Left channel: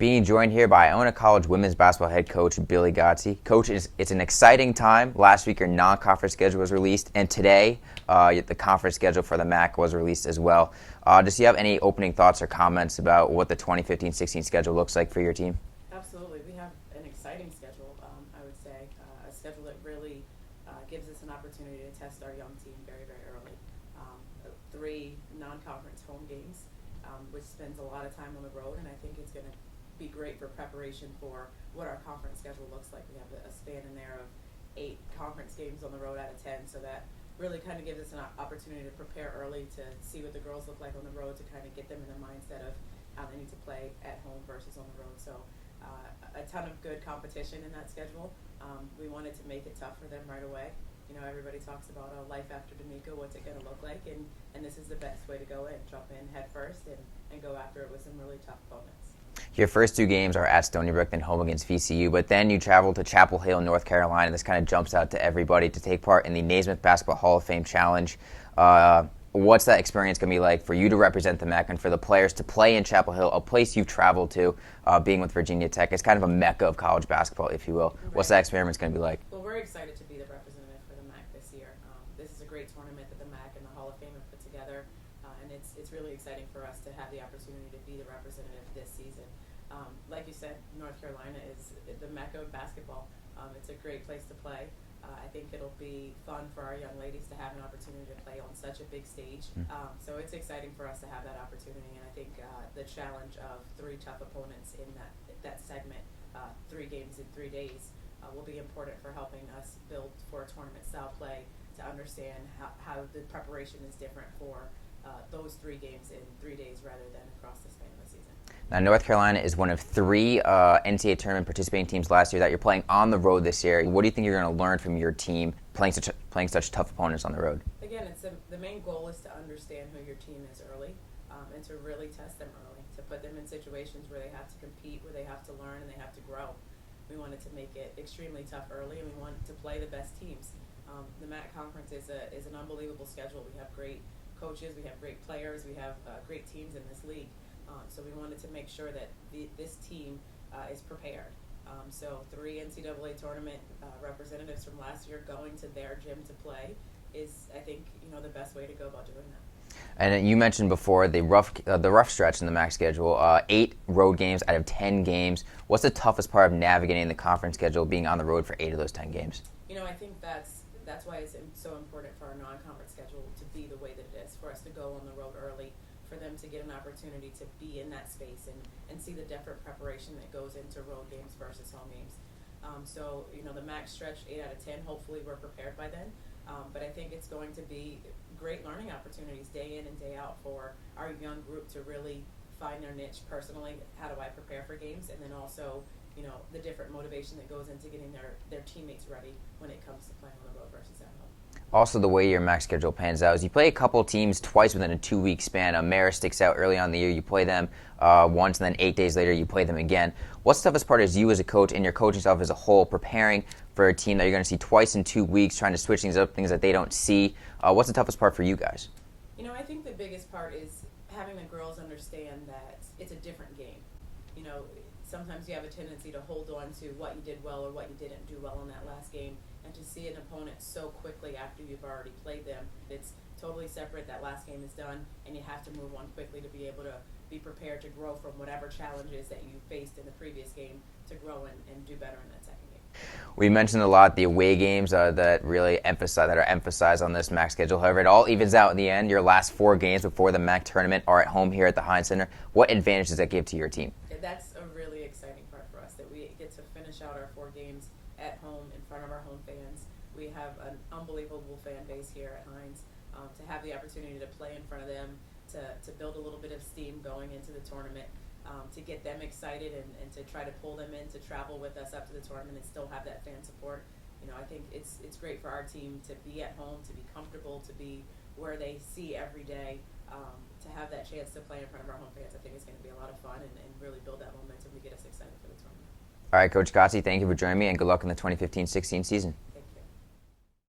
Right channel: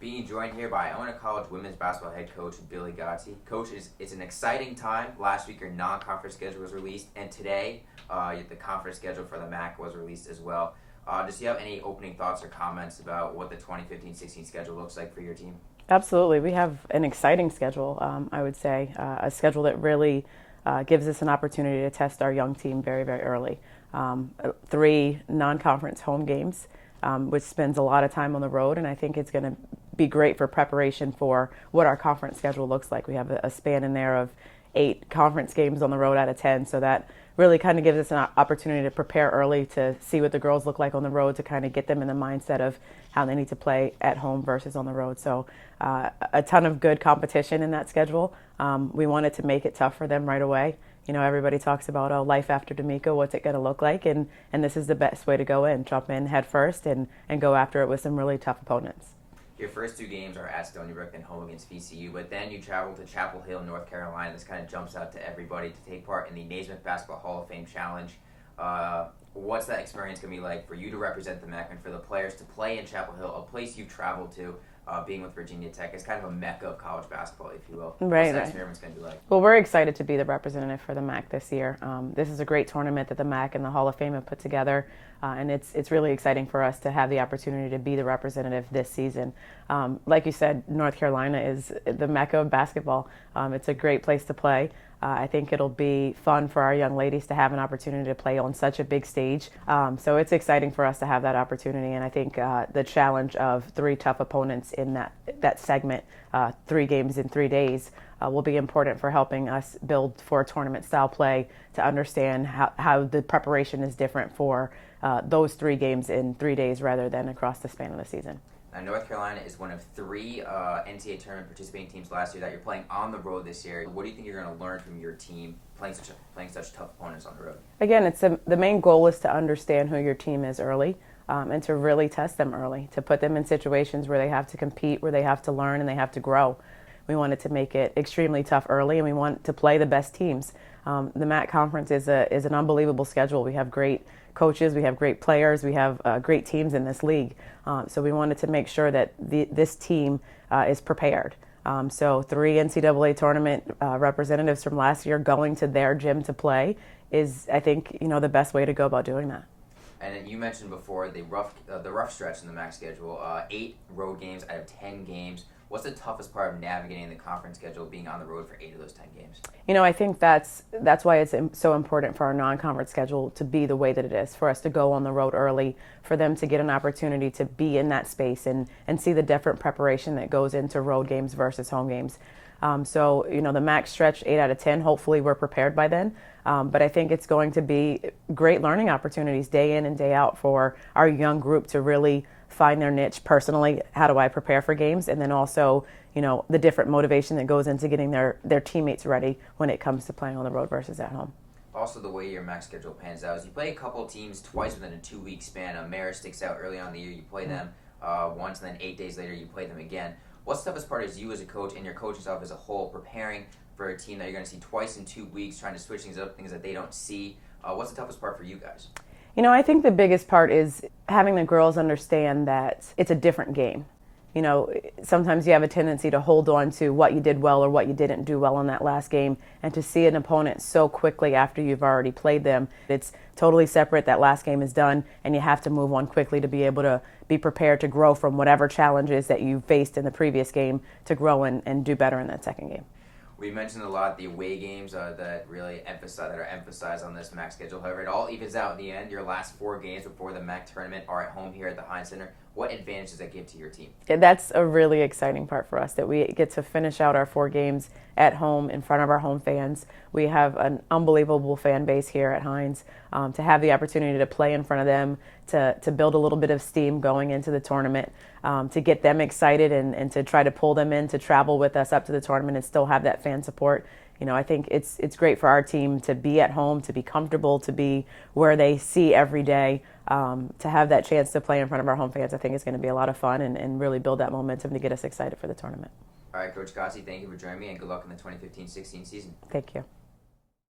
Being joined here by Iona College women's basketball head coach Billi Godsey. Coach, it's an exciting time. Last week your non-conference schedule was released, and today the conference schedule for the MAC was released as well. Do you have any opening thoughts or comments about what the 2015-16 schedule looks like for your team? Absolutely. We have an exciting schedule, I would say, a schedule that really gives us an opportunity to test our young team very, very early. 3 non-conference home games, which spends a lot of time on the road, and I think it's going to be great for preparation for what our conference schedule looks like. We have a span in there of 8 conference games on the road out of 10, so that really kind of gives us an opportunity to prepare early to see what the girls look like on the road, to kind of get them in the mindset of how they need to play at home versus on the road. So a ton of good competition in that schedule. We wanted to make it tough for them right away. You know, everybody talks about, oh, life after D'Amico, what's it going to look like? And this is the best way to go in, jump in head first and go after it with some really tough opponents. Your first 2 games are at Stony Brook and home against VCU, but then you travel to Chapel Hill, North Carolina. This kind of jumps out to everybody to take part in the Naismith Basketball Hall of Fame Challenge. What's that experience going to be like for you to represent the MAC and for the players to play in Chapel Hill, a place you've traveled to, being with Virginia Tech? It's kind of a mecca of college basketball, if you will. Right, What's that experience going to be like? Well, we're excited to be the representative for the MAC this year. This is a great tournament that the MAC and the Hall of Fame have put together, and it's really exciting for us to have the opportunity to be the representative this season. Like you said, North Carolina is the mecca of basketball. It's a great place to play. I think it'll be fun for our young ladies to have an opportunity to play on such a big stage. So it's exciting for us to have that opportunity, and I think the challenge of 3 tough opponents in that segment, 3 games in 3 days, will be important for helping us build for tournament-style play, to understand how the preparation is different for those 3 games in 3 days rather than across the span of the season. Now, North Carolina is one of 3 NCAA tournament participating teams last year that you're playing on the road this year. What do you think you're going to learn from your team playing such tough opponents on the road? Again, it's the main goal is to understand who your team is early, and to really test them early, to put them in situations where they have to compete, where they have to learn, and they have to grow. We wanted to make it extremely tough early, and we want to play the best teams. The MAC conference is an unbelievable schedule. We have great coaches, we have great players, we have great teams in this league. So we wanted to make sure that this team is prepared. So 3 NCAA tournament representatives from last year going to their gym to play is, I think, the best way to go about doing that. And you mentioned before the rough stretch in the MAC schedule, 8 road games out of 10 games. What's the toughest part of navigating the conference schedule, being on the road for 8 of those 10 games? I think that's why it's so important for our non-conference schedule to be the way that it is, for us to go on the road early, for them to get an opportunity to be in that space and see the different preparation that goes into road games versus home games. So, the MAC stretch 8 out of 10, hopefully we're prepared by then. But I think it's going to be great learning opportunities day in and day out for our young group to really find their niche personally. How do I prepare for games? And then also, the different motivation that goes into getting their teammates ready when it comes to playing on the road versus at home. Also, the way your MAC schedule pans out is you play a couple teams twice within a 2-week span. Marist sticks out early on in the year. You play them once, and then 8 days later you play them again. What's the toughest part as you as a coach and your coaching staff as a whole preparing for a team that you're going to see twice in 2 weeks, trying to switch things up, things that they don't see? What's the toughest part for you guys? I think the biggest part is having the girls understand that it's a different game. Sometimes you have a tendency to hold on to what you did well or what you didn't do well in that last game, and to see an opponent so quickly after you've already played them, it's totally separate. That last game is done, and you have to move on quickly to be able to be prepared to grow from whatever challenges that you faced in the previous game, to grow and do better in that second game. We mentioned a lot the away games that are emphasized on this MAC schedule. However, it all evens out in the end. Your last 4 games before the MAC tournament are at home here at the Heinz Center. What advantage does that give to your team? That's a really exciting part for us, that we get to finish out our 4 games at home in front of our home fans. We have an unbelievable fan base here at Heinz. To have the opportunity to play in front of them, to build a little bit of steam going into the tournament, to get them excited and to try to pull them in to travel with us up to the tournament and still have that fan support. I think it's great for our team to be at home, to be comfortable, to be where they see every day. To have that chance to play in front of our home fans, I think is going to be a lot of fun and really build that momentum to get us excited for the tournament. All right, Coach Godsey, thank you for joining me, and good luck in the 2015-16 season. Thank you.